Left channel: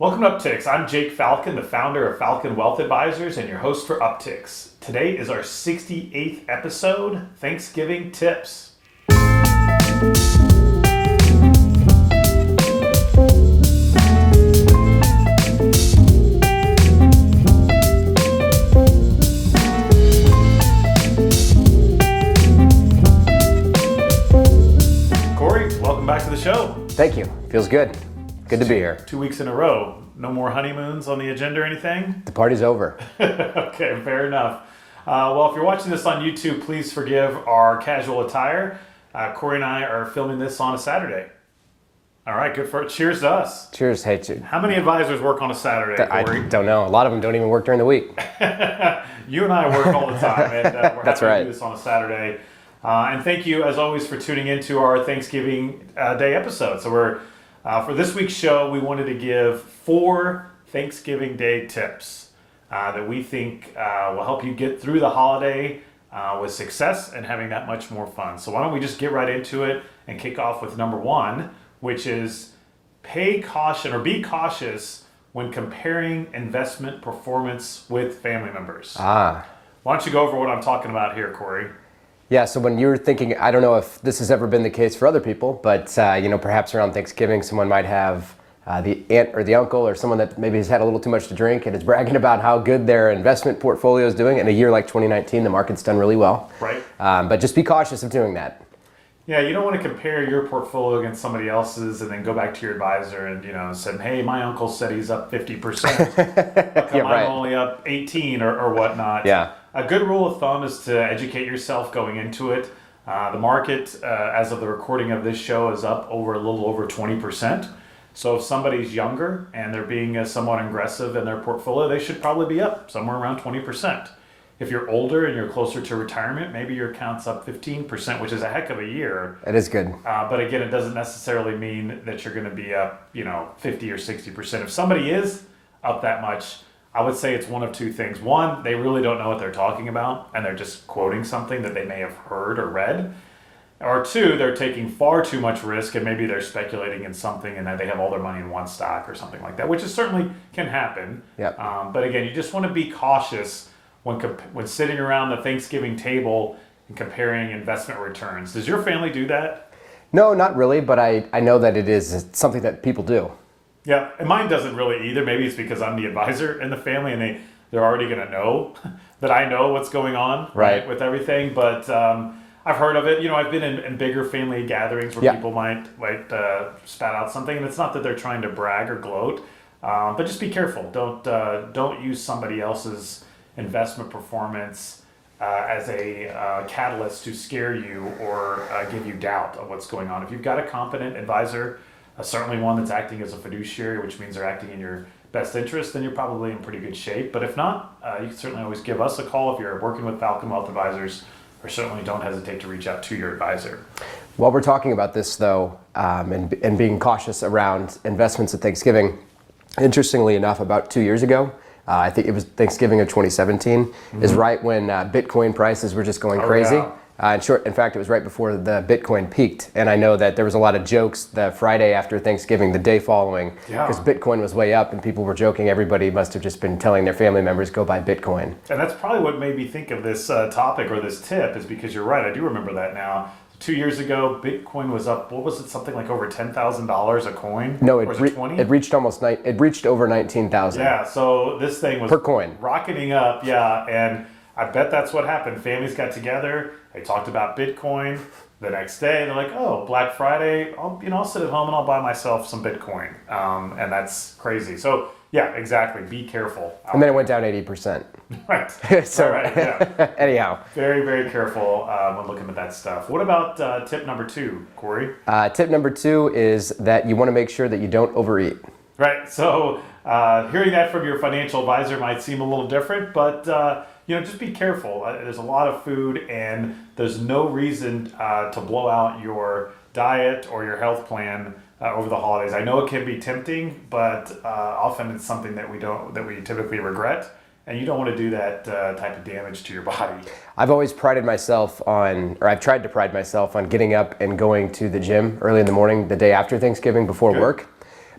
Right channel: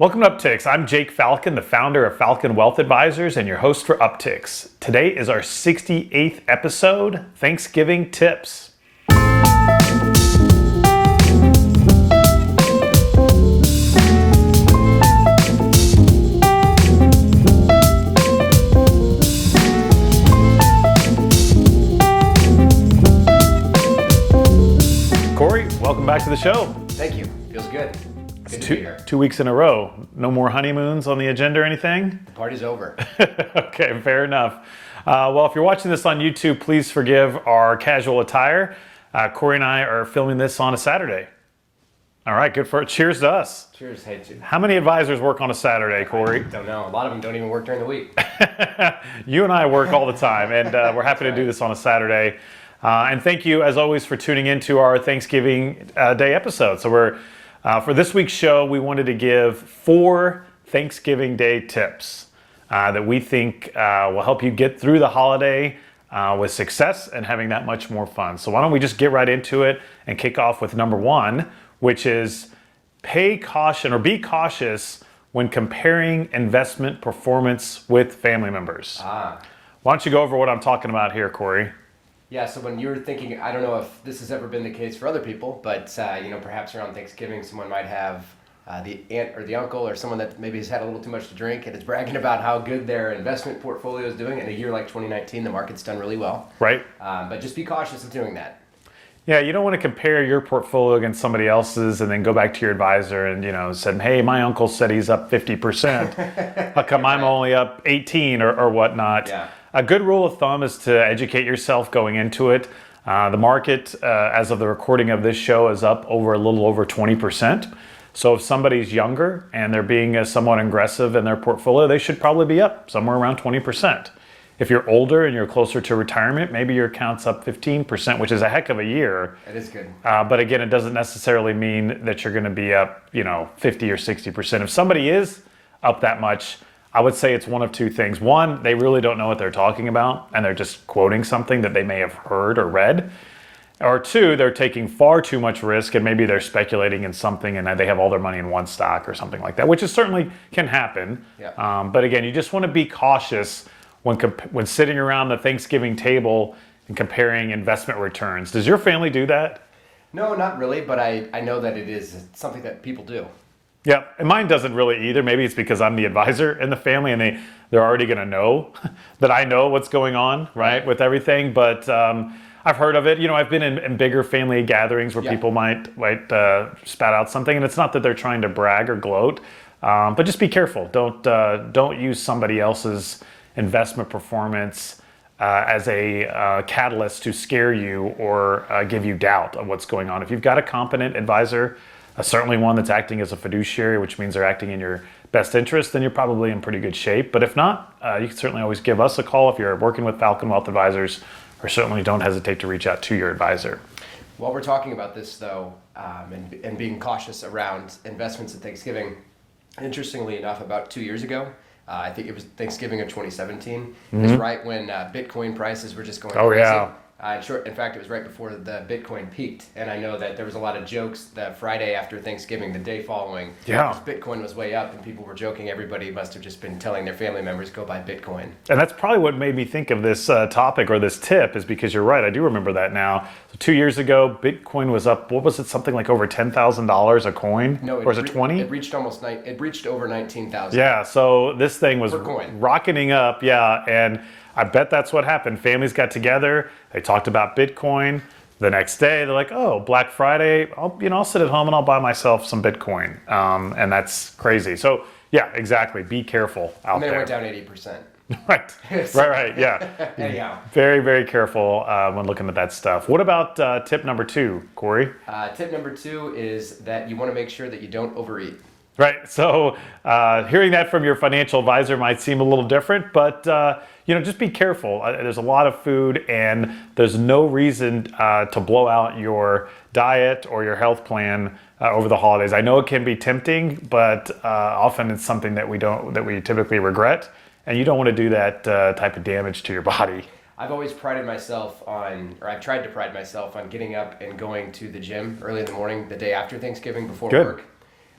Welcome to Upticks. I'm Jake Falcon, the founder of Falcon Wealth Advisors and your host for Upticks. Today is our 68th episode, Thanksgiving Tips. Cory, welcome back to the show. Thank you. Feels good. Good to be here. 2 weeks in a row. No more honeymoons on the agenda or anything? The party's over. Okay, fair enough. Well, if you're watching this on YouTube, please forgive our casual attire. Cory and I are filming this on a Saturday. All right, good for it. Cheers to us. Cheers. Hey, How many advisors work on a Saturday, Cory? I don't know. A lot of them don't even work during the week. You and I work all the time, and we're happy to right. do this on a Saturday. And thank you, as always, for tuning into our Thanksgiving Day episode. So for this week's show, we wanted to give 4 Thanksgiving Day tips that we think will help you get through the holiday with success and having that much more fun. So why don't we just get right into it and kick off with number 1, which is be cautious when comparing investment performance with family members. Why don't you go over what I'm talking about here, Cory? Yeah, so when you're thinking, I don't know if this has ever been the case for other people, but perhaps around Thanksgiving, someone might have the aunt or the uncle or someone that maybe has had a little too much to drink and is bragging about how good their investment portfolio is doing. In a year like 2019, the market's done really well. Right. But just be cautious of doing that. Yeah, you don't want to compare your portfolio against somebody else's and then go back to your advisor and said, hey, my uncle said he's up 50%. How come I'm only up 18 or whatnot? Yeah. A good rule of thumb is to educate yourself going into it. The market, as of the recording of this show, is up a little over 20%. So if somebody's younger and they're being somewhat aggressive in their portfolio, they should probably be up somewhere around 20%. If you're older and you're closer to retirement, maybe your account's up 15%, which is a heck of a year. It is good. But again, it doesn't necessarily mean that you're going to be up, 50 or 60%. If somebody is up that much, I would say it's one of two things. One, they really don't know what they're talking about, and they're just quoting something that they may have heard or read. Or 2, they're taking far too much risk, and maybe they're speculating in something, and they have all their money in one stock or something like that, which is certainly can happen. Yeah. But again, you just want to be cautious when sitting around the Thanksgiving table and comparing investment returns. Does your family do that? No, not really, but I know that it is something that people do. Yeah, and mine doesn't really either. Maybe it's because I'm the advisor in the family and they're already going to know that I know what's going on, right, with everything. But I've heard of it. I've been in bigger family gatherings where people might spat out something, and it's not that they're trying to brag or gloat, but just be careful. Don't use somebody else's investment performance as a catalyst to scare you or give you doubt of what's going on. If you've got a competent advisor, certainly one that's acting as a fiduciary, which means they're acting in your best interest, then you're probably in pretty good shape. But if not, you can certainly always give us a call if you're working with Falcon Wealth Advisors, or certainly don't hesitate to reach out to your advisor. While we're talking about this, though, and being cautious around investments at Thanksgiving, interestingly enough, about 2 years ago, I think it was Thanksgiving of 2017, is right when Bitcoin prices were just going crazy. Yeah. In fact, it was right before the Bitcoin peaked, and I know that there was a lot of jokes the Friday after Thanksgiving, the day following, because Bitcoin was way up, and people were joking. Everybody must have just been telling their family members, go buy Bitcoin. And that's probably what made me think of this topic or this tip, is because you're right, I do remember that now. So 2 years ago, Bitcoin was up, what was it, something like over $10,000 a coin? No, or was it 20? It reached over 19,000. Yeah, so this thing was per coin, rocketing up, and I bet that's what happened. Families got together, they talked about Bitcoin. The next day, they're like, oh, Black Friday, I'll sit at home and I'll buy myself some Bitcoin. And that's crazy. So, yeah, exactly. Be careful out And then there. it went down 80%. Right, right, yeah. Anyhow. Very, very careful when looking at that stuff. What about tip number 2, Cory? Tip number 2 is that you want to make sure that you don't overeat. Right, so hearing that from your financial advisor might seem a little different, but just be careful. There's a lot of food, and there's no reason to blow out your diet or your health plan over the holidays. I know it can be tempting, but often it's something that we typically regret, and you don't want to do that type of damage to your body. I've always prided myself on, or I've tried to pride myself on getting up and going to the gym early in the morning, the day after Thanksgiving before work.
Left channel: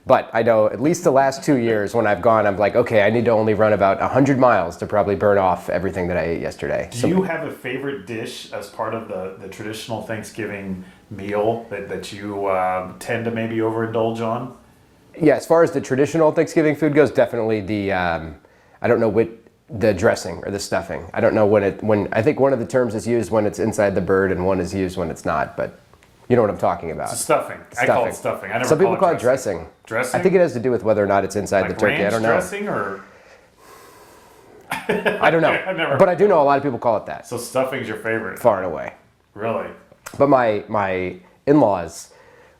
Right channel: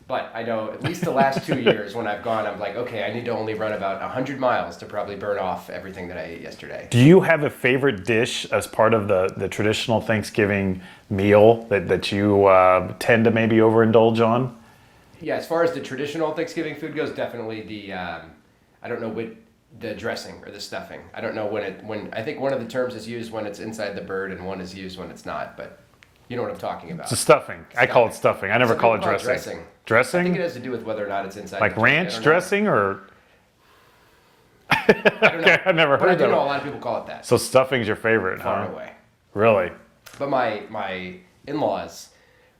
But I know at least the last 2 years when I've gone, I'm like, okay, I need to only run about 100 miles to probably burn off everything that I ate yesterday. Do you have a favorite dish as part of the traditional Thanksgiving meal that you tend to maybe overindulge on? Yeah, as far as the traditional Thanksgiving food goes, definitely I don't know the dressing or the stuffing. I don't know when I think one of the terms is used when it's inside the bird and one is used when it's not, but you know what I'm talking about. It's stuffing. I call it stuffing. I never Some call people it dressing. Dressing? I think it has to do with whether or not it's inside like the turkey. ranch I don't know. dressing or? I don't know. I've never heard but I do of know it. a lot of people call it that. So stuffing's your favorite? Far huh? and away. Really? But my in-laws,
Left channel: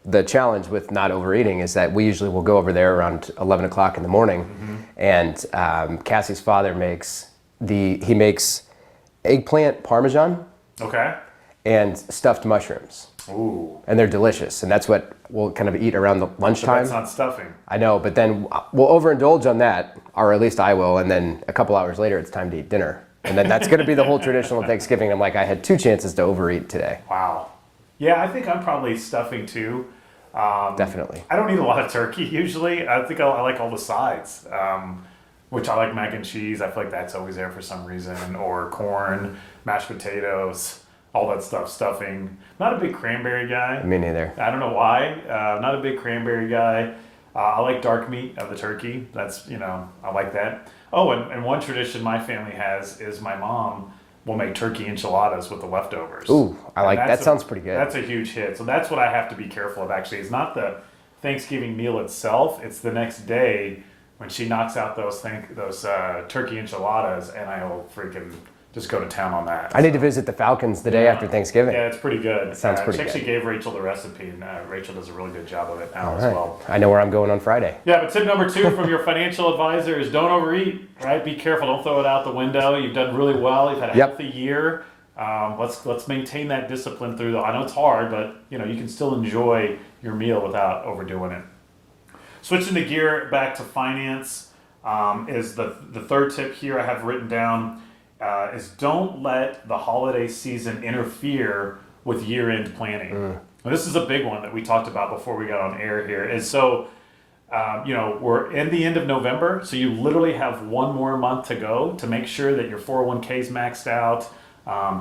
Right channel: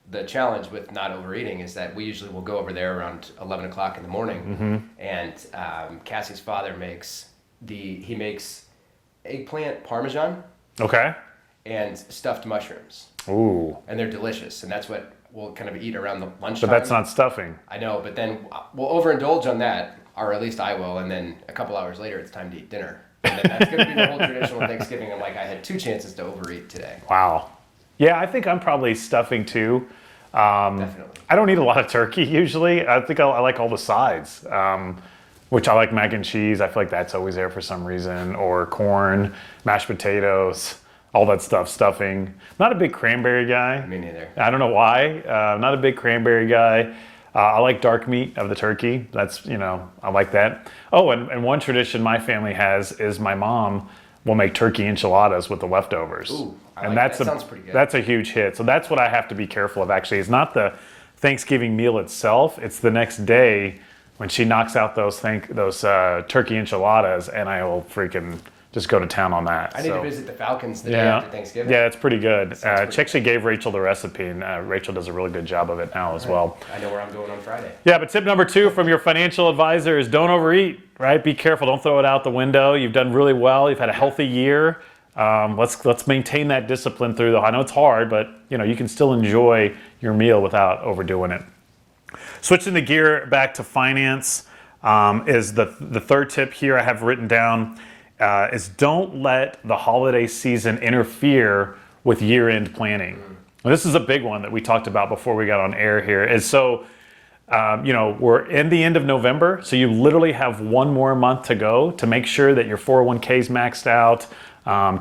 the challenge with not overeating is that we usually will go over there around 11 o'clock in the morning, and Cassie's father makes eggplant parmesan Okay. and stuffed mushrooms, Ooh. and they're delicious, and that's what we'll kind of eat around the But lunchtime. that's not stuffing. I know, but then we'll overindulge on that, or at least I will, and then a couple hours later it's time to eat dinner. And then that's going to be the whole traditional Thanksgiving. I'm like, I had 2 chances to overeat today. Wow. Yeah, I think I'm probably stuffing too. Definitely. I don't eat a lot of turkey usually. I think I like all the sides, which I like mac and cheese. I feel like that's always there for some reason, or corn, mashed potatoes, all that stuff, stuffing. Not a big cranberry guy. Me neither. I don't know why. Not a big cranberry guy. I like dark meat of the turkey. That's, I like that. Oh, and one tradition my family has is my mom will make turkey enchiladas with the leftovers. Ooh, I like that. Sounds pretty good. That's a huge hit. So that's what I have to be careful of, actually. It's not the Thanksgiving meal itself. It's the next day when she knocks out those turkey enchiladas, and I will freaking just go to town on that. I need to visit the Falcons the day after Thanksgiving. Yeah, it's pretty good. Sounds pretty She actually good. gave Rachel the recipe, and Rachel does a really good job of it now as well. I know where I'm going on Friday. Yeah, but tip number 2 from your financial advisor is don't overeat, right? Be careful. Don't throw it out the window. You've done really well. You've had a healthy year. Let's maintain that discipline through, though. I know it's hard, but you can still enjoy your meal without overdoing it. Switching the gear back to finance is the third tip here I have written down. Is don't let the holiday season interfere with year-end planning. And this is a big one that we talked about before we got on air here. Is so, we're in the end of November, so you literally have one more month to go to make sure that your 401k is maxed out,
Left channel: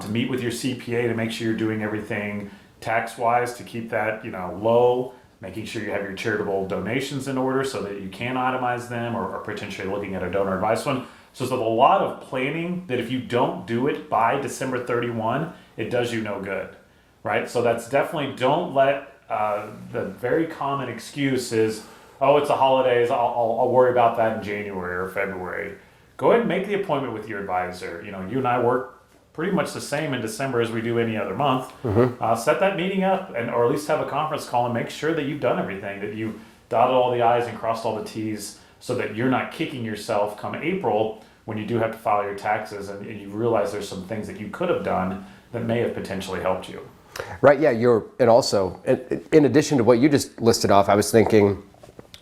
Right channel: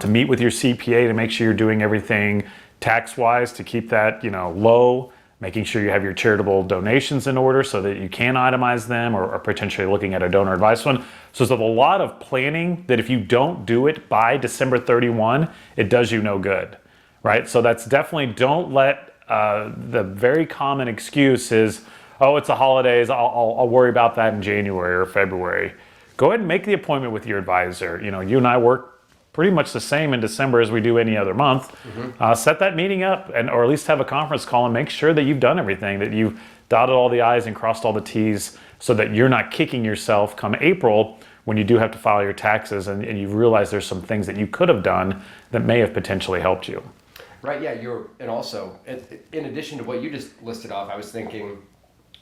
to meet with your CPA to make sure you're doing everything tax-wise to keep that, low, making sure you have your charitable donations in order so that you can itemize them or potentially looking at a donor advice fund. So there's a lot of planning that if you don't do it by December 31, it does you no good, right? So that's definitely, don't let the very common excuse is, oh, it's the holidays, I'll worry about that in January or February. Go ahead and make the appointment with your advisor. You and I work pretty much the same in December as we do any other month. Set that meeting up, or at least have a conference call and make sure that you've done everything, that you've dotted all the I's and crossed all the T's, so that you're not kicking yourself come April when you do have to file your taxes and you realize there's some things that you could have done that may have potentially helped you. Right, yeah, and also, in addition to what you just listed off, I was thinking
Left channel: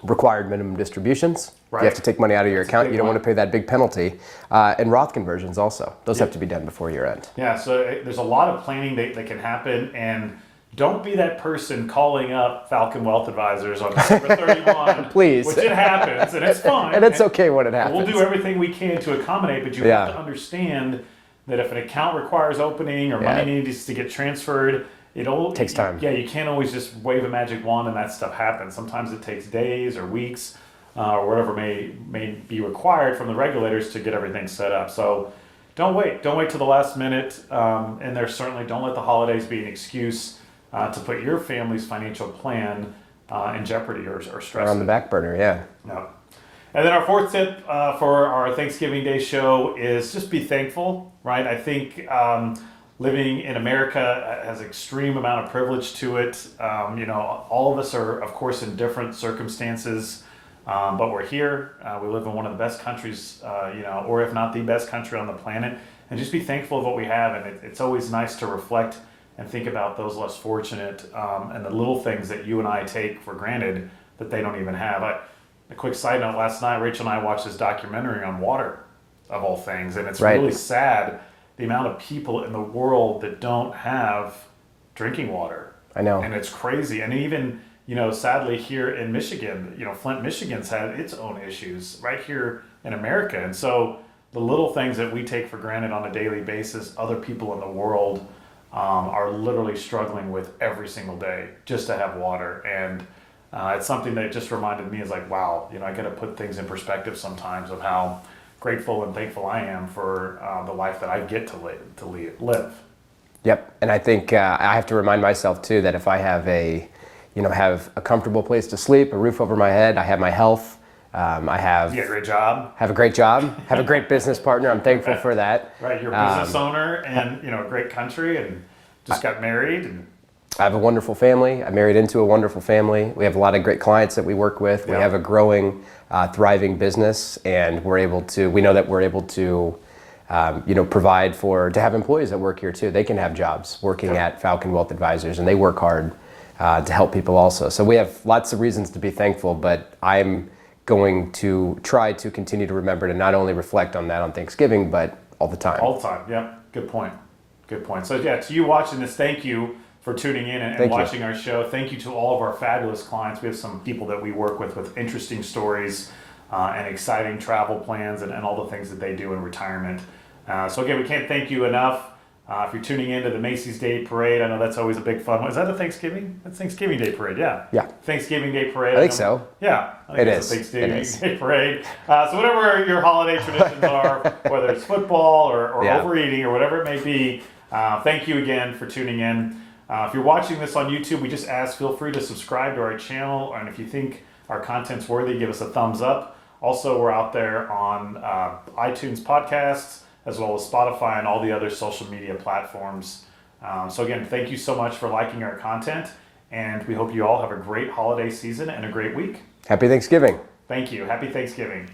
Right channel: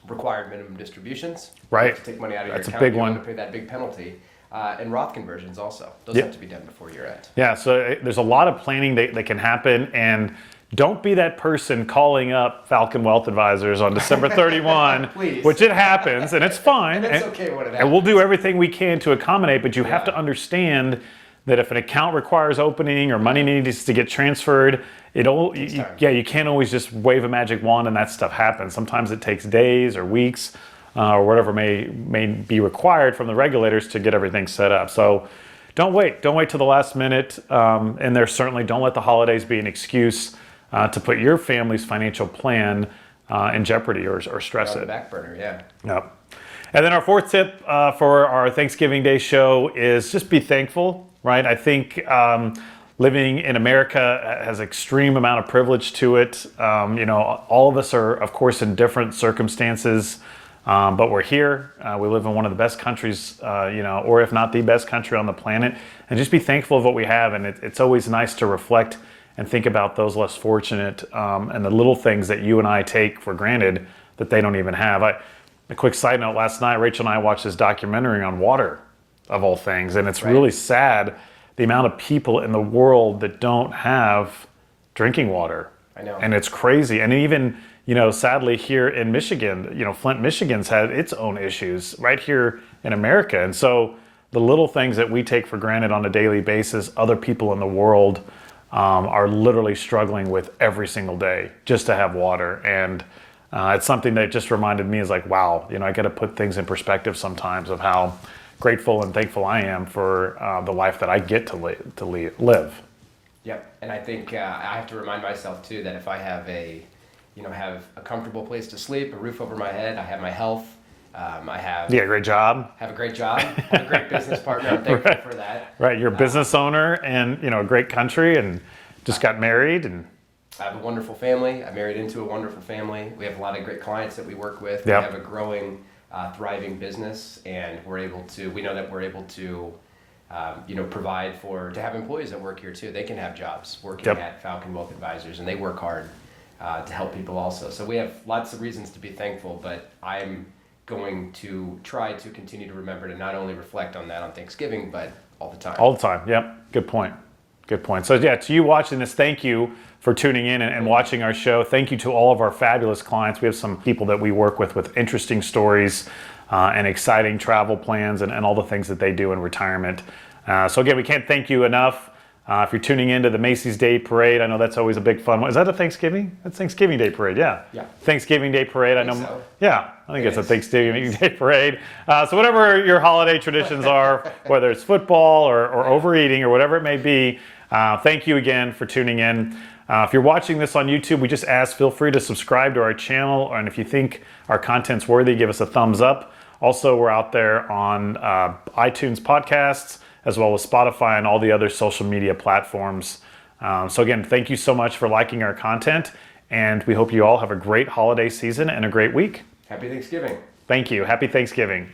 required minimum distributions. Right. You have to take money out of your That's a account. big You don't one. want to pay that big penalty. And Roth conversions also. Those have to be done before year end. Yeah, so there's a lot of planning that can happen, and don't be that person calling up Falcon Wealth Advisors on December 31. Please. Which it happens, and it's fine. And it's okay when it happens. And we'll do everything we can to accommodate, but you have to understand that if an account requires opening or money needs to get transferred, it takes time. Yeah, you can't always just wave a magic wand and that stuff happens. Sometimes it takes days or weeks or whatever may be required from the regulators to get everything set up. So don't wait till the last minute. And there's certainly, don't let the holidays be an excuse to put your family's financial plan in jeopardy or stress On the back burner, yeah. Yep. And then our fourth tip for our Thanksgiving Day show is just be thankful, right? I think living in America has extreme amount of privilege to it. All of us are, of course, in different circumstances, but we're here. We live in one of the best countries, or if not the best country on the planet. And just be thankful of what we have. And it's always nice to reflect and think about those less fortunate and the little things that you and I take for granted that they don't even have. A quick side note, last night, Rachel and I watched this documentary on water, of all things, and it's really sad the amount of people in the world that don't have drinking water. I know. And it's crazy. And even sadly here in Michigan, Flint, Michigan's had its own issues right here in America. And so the little things that we take for granted on a daily basis, other people in the world are literally struggling with every single day just to have water. And it's something that just reminded me is like, wow, I got to put things in perspective sometimes of how grateful and thankful I am for the life that I get to live. Yep, and I think I have to remind myself too that if I have have a comfortable place to sleep, a roof over my head, I have my health, I have a great job. Have a great job, have a great business partner. I'm thankful for that. Right, you're a business owner and a great country and just got married and. I have a wonderful family. I married into a wonderful family. We have a lot of great clients that we work with. Yep. We have a growing, thriving business, and we know that we're able to, provide to have employees that work here too. They can have jobs working at Falcon Wealth Advisors, and they work hard to help people also. So we have lots of reasons to be thankful, but I'm going to try to continue to remember to not only reflect on that on Thanksgiving, but all the time. All the time, yep. Good point. So to you watching this, thank you for tuning in and watching our show. Thank you to all of our fabulous clients. We have some people that we work with interesting stories and exciting travel plans and all the things that they do in retirement. So again, we can't thank you enough. If you're tuning into the Macy's Day Parade, I know that's always a big fun one. Is that a Thanksgiving? That's Thanksgiving Day Parade, yeah. Yeah. Thanksgiving Day Parade. I think so. Yeah, I think it's a Thanksgiving Day Parade. So whatever your holiday traditions are, whether it's football or overeating or whatever it may be, thank you again for tuning in. If you're watching this on YouTube, we just ask, feel free to subscribe to our channel. And if you think our content's worthy, give us a thumbs up. Also, we're out there on iTunes podcasts, as well as Spotify and all the other social media platforms. So again, thank you so much for liking our content. And we hope you all have a great holiday season and a great week. Happy Thanksgiving. Thank you. Happy Thanksgiving.